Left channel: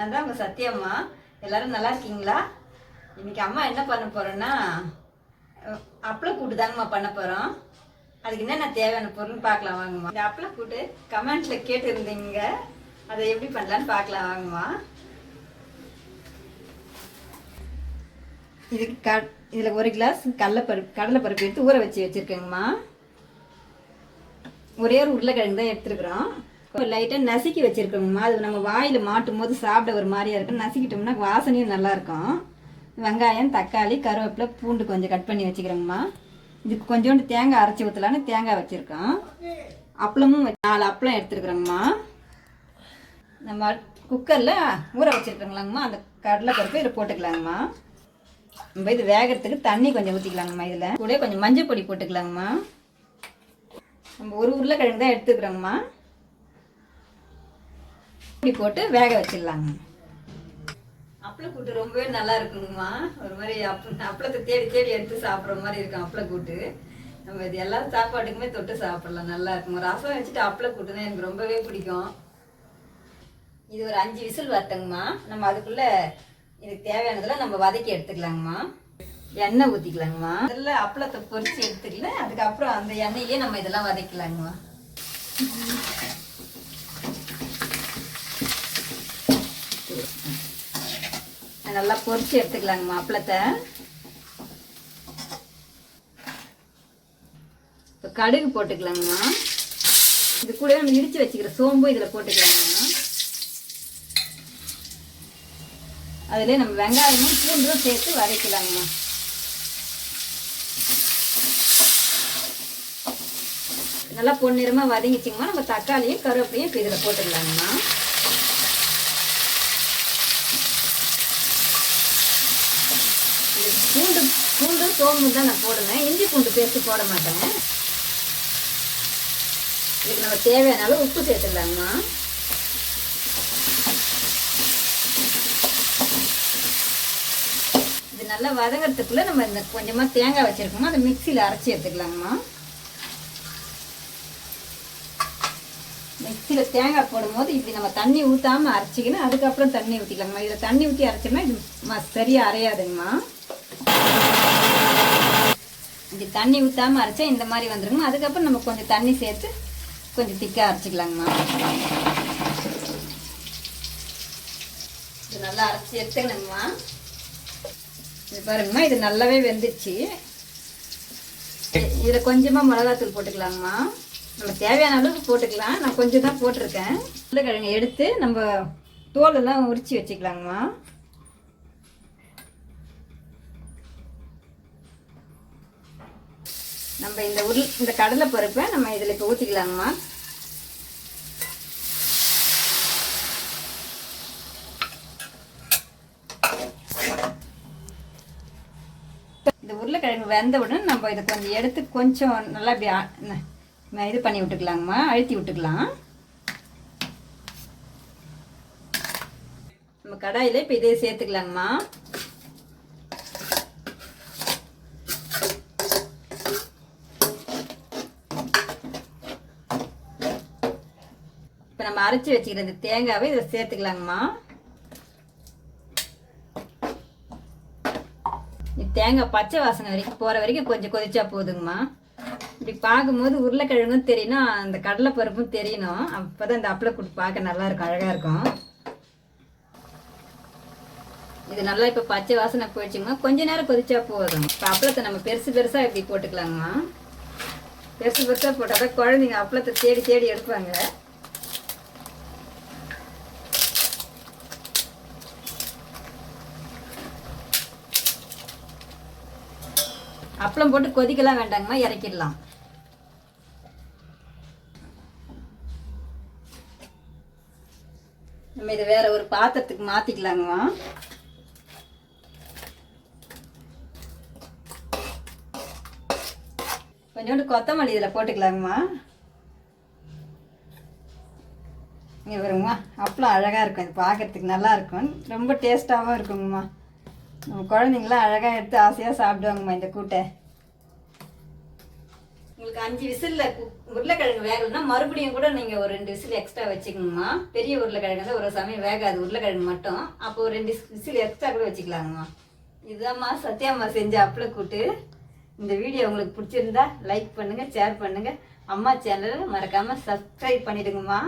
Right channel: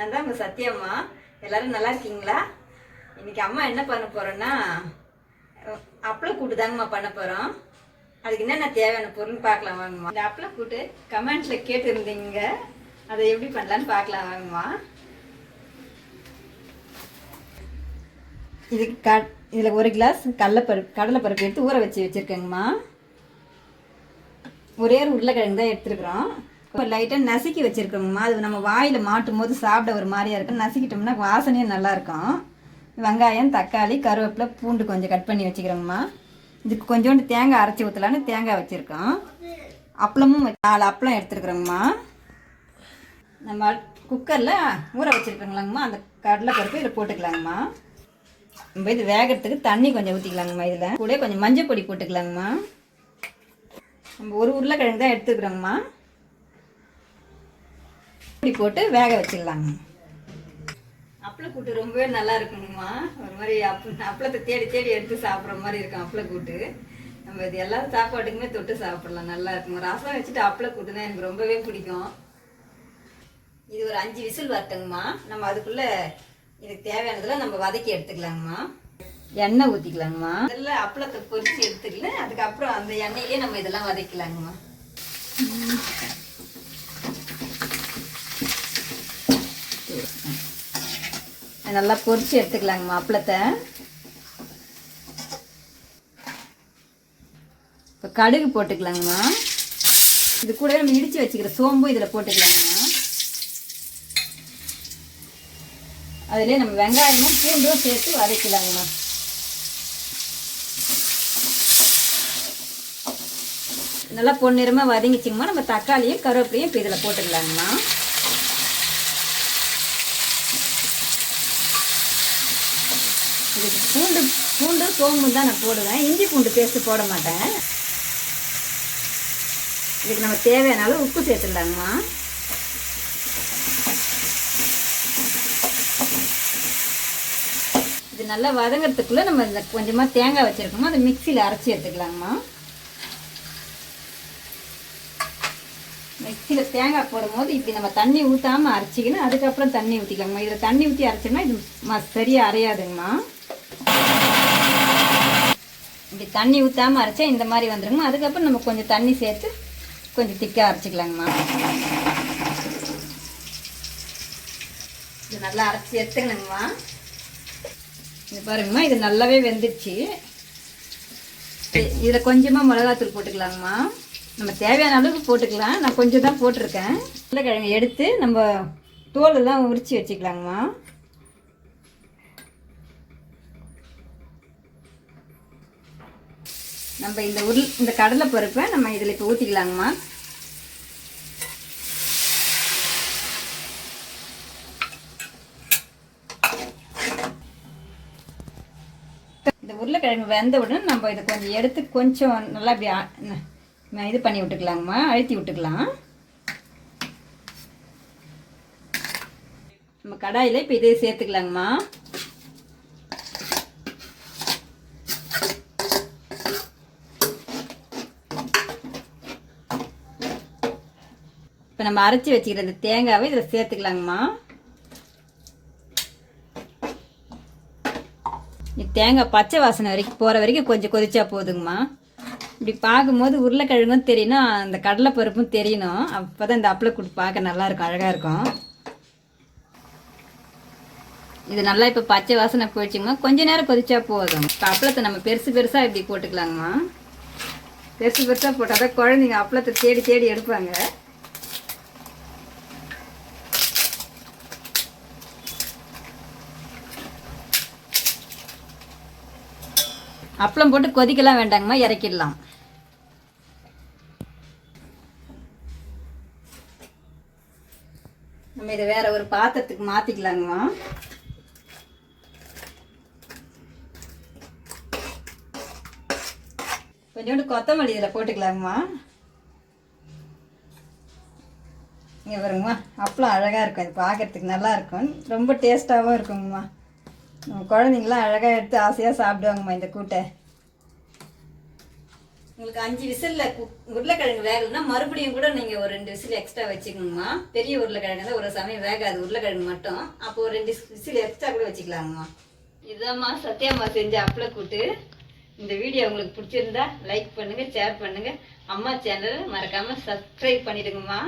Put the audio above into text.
நான் தான் உங்கள் சத்யாம்மா. எல்லோரும் நல்லா இருக்கீங்களா? இன்றைக்கி அம்மா என்ன பண்ண போகிறோன்னா அப்பளம் கூட்டு தாங்கம்மா பண்ண போகிறோம். அதுக்கு என்னென்ன தேவையான பொருள்னு பார்க்கலாம் வாங்கம்மா. இந்த அப்பளம் கூட்டு கமெண்ட்ஸில் கேட்டுருந்தீங்க, அதை எப்படி பண்ணலான்னு பார்க்கலாம் வாங்கம்மா. இதுக்கு இதில் 1 கிளாஸ் கடலைப்பருப்பு எடுத்து ஊற வச்சுருக்கேங்கம்மா. ஒரே ஒரு உருளைக்கிழங்கு தான் எடுத்துருக்குறோம். லைட்டாக நசுக்கி வச்சுருக்கோங்கம்மா. அது நம்ம வாயில் மாட்டும் போது சாப்பிட ஒரு மாதிரியா இருக்கும். நசுக்கிட்டோம்னா வாசனையும் நல்லாயிருக்கும். வெங்காயம், தக்காளி, கருவேப்பிலை, பூண்டு கொஞ்சம் கட் பண்ணி வச்சுக்கிறோங்கம்மா. இதுக்கு கொஞ்சோண்டு தேங்காய் அரைச்சி ஊற்றலான்னு தேங்காய் வச்சுருக்கோம். அப்பளமும் 4 அப்பளம் எடுத்துருக்குறோங்கம்மா. நம்ம குக்கரில் ஊற வச்சுருக்கோங்களாங்கம்மா. அந்த கடலைப்பருப்பு இதில் போட்டுக்கலாங்கம்மா. நம்ம இது வேகிறதுக்கு தண்ணி கொஞ்சம் ஊற்றிக்கலாங்கம்மா. இதில் கூட கொஞ்சம் மஞ்சள் பொடி போட்டுக்கலாங்கம்மா. நம்ம ஒரு உருளைக்கிழங்கு தான் எடுத்துக்கிறோங்கம்மா. இப்படி போட்டு வேக வச்சிடலாங்க. அப்பளம் கூட்டு ரொம்பவே நல்லா இருக்குங்கம்மா. ஒரு மாதிரி அப்பளத்தை தேடி தேடி எடுத்து சாப்பிட்ற மாதிரி இருக்கும் அப்பளம் கூட்டு. நம்ம இது எல்லா சாப்பாட்டுக்குமே தொட்டு சாப்பிடலாம், நல்லா இருக்குங்க. ரசம் வச்சுட்டு அப்பளம் கூட்டு தான் எனக்கு ரொம்பவே பிடிக்கும். இது ஒரு 5 விசில் வரட்டுங்கம்மா. நம்ம அதுக்குள்ளே இதுக்கு தேவையானதெல்லாம் நம்ம வதக்கி எடுத்துக்கலாங்கம்மா. எண்ணெய் ஊற்றிக்கலாங்கம்மா. இதெல்லாம் அப்பளத்தை பொரிச்சு எடுத்துக்கல, அதுக்கப்புறம் அந்த எண்ணெயிலே நம்ம இதெல்லாம் வதக்கலாங்கம்மா. நல்லா பொரிச்சு எடுத்துக்கலாங்கம்மா அப்பளத்தை. இப்போ கடுகு போட்டுக்கலாங்கம்மா. இது கூட நம்ம இடித்து வச்சுக்கிற சோம்பு இதில் போட்டுக்கலாங்கம்மா. அதிலே நம்ம வெங்காயமும் பூண்டும் சேர்த்து வதக்கலாங்கம்மா. நல்லா பொன்னிறமாக வதங்கிச்சிங்கம்மா. நம்ம தக்காளியும் கருவேப்பிலையும் இப்போ இதில் போட்டுக்கலாங்கம்மா. பூண்டு சோம்பு தான் நான் போடுவேன். இஞ்சி பூண்டு பேஸ்ட்டு போட மாட்டேன். இதுக்கு நம்ம தேவையான அளவு உப்பு சேர்த்துடலாங்கம்மா. இது நல்லா வதங்கிறதுக்குள்ளே நம்ம இந்த கொஞ்சமாக தேங்காய் வச்சுருக்கோமோ அதை மிக்சியில் அரைச்சி எடுத்துக்கலாங்கம்மா. மிக்சியில் தேங்காய் போடும்போது இப்படி நம்ம தண்ணி ஊற்றாமல் அரைச்சிக்கணும். அதுக்கப்புறம் தண்ணி ஊற்றிக்கலாங்கம்மா. இதில் தண்ணி ஊற்றி அரைச்சோம்னா இது சரியாக அரையாதுங்கம்மா. இப்படி தண்ணி ஊற்றாமல் அரைச்சா இந்த மாதிரி வந்துடுங்கம்மா. அதுக்கப்புறம் நம்ம கொஞ்சம் தண்ணி சேர்த்து கொஞ்சம் திக்காக அரைச்சிக்கலாங்கம்மா. இது நல்லா அரைச்சி எடுத்துக்கணுங்கம்மா. இது பாருங்கம்மா, இது நல்லாவே வெந்துடுச்சு. இதில் கொஞ்சமாக மிளகாத்தூள் போட்டுக்கலாங்கம்மா. நம்ம தேவையான அளவுக்கு போட்டுக்கலாம். நான் கொஞ்சம் தான் போட்டிருக்கேன். உருளைக்கிழங்கு எடுத்து நம்ம தோலெல்லாம் உரித்து வச்சுக்கலாங்கம்மா. நம்ம இந்த கடலை பருப்பை நம்ம இதில் இப்போ ஊற்றிக்கலாங்கம்மா. இந்த உருளைக்கிழங்கு வெந்த உடனே நம்ம இதை கொஞ்சம் எடுத்து கொஞ்சம் நல்லா இப்படி இது பண்ணி விட்டுக்கலாங்கம்மா. அழுத்தி விட்டுக்கலாம். நம்ம கடாயில் இப்போ இதே சேர்த்துக்கலாங்கம்மா. இப்போ நம்ம அரைச்சி வச்சுக்கிற இந்த தேங்காவை இதில் சேர்த்துக்கலாங்கம்மா. தேங்காய் பச்சை வாசனை வரைக்கும் போகிற வரைக்கும் கொஞ்சம் கொதிச்சா போதுங்கம்மா. இப்படி பார்க்கும்போது உருளைக்கிழங்கும் தெரியணும், அந்த கடலைப்பருப்பும் தெரியணும். அப்போ தான் இந்த அப்பளம் கூட்டு பார்க்க நல்லாயிருக்கும், அழகாக இருக்கும். இது நல்லா இப்போ பச்சை வாசனை போயிடுச்சுங்கம்மா. கொஞ்ச நேரம் கொதிச்சா போதும். இப்போ அப்பளத்தை நம்ம பெருசு பெருசாக இப்படி போட்டுக்கலாங்கம்மா. பெருசு பெருசாக போட்டால் தான் குழந்தைங்க அப்பளத்தை தேடி தேடி எடுப்பாங்க. அப்பளம் போட்டு கொதிக்கலாம் வேண்டாங்கம்மா, இறக்கிடலாம். நம்ம இதை வேற ஒரு பாத்திரத்துக்கு மாற்றிக்கலாங்கம்மா. கொஞ்சோண்டு கொத்தமல்லி இதில் போட்டுக்கலாங்கம்மா. இங்கே வருங்கம்மா, அப்பளம் அழகாக இருக்கும். இது பார்க்குறதுக்கு நல்லா இருக்கும், ரொம்ப டேஸ்ட்டாகவும் இருக்குங்கம்மா. நம்ம குழந்தைங்களாம் அழகாக எடுத்து ஆசையாக சாப்பிடுவாங்கம்மா இந்த கூட்டை. உங்களுக்கு 5 விசில்ல உருளைக்கிழங்கு வேகலைன்னா மறுபடியும் கூட நீங்கள் ஒரு 2 விசில் எக்ஸ்ட்ரா வச்சுக்கோங்கம்மா. பெரிய உருளைக்கிழங்கு தான் ஒரு சமயம் வேகாது உருளைக்கிழங்கு மட்டும். அப்போ ஒரு 2 விசில் எக்ஸ்ட்ரா கூட வச்சுக்கலாங்கம்மா. இதுதான்மா சத்யாம்மா செஞ்ச அப்பள கூட்டு. இந்த வீடியோ உங்களுக்கு பிடிச்சிருந்தா லைக் பண்ணுங்கள், ஷேர் பண்ணுங்கள். அம்மா சேனலை மறக்காமல் சப்ஸ்கிரைப் பண்ணிவிடுங்கம்மா.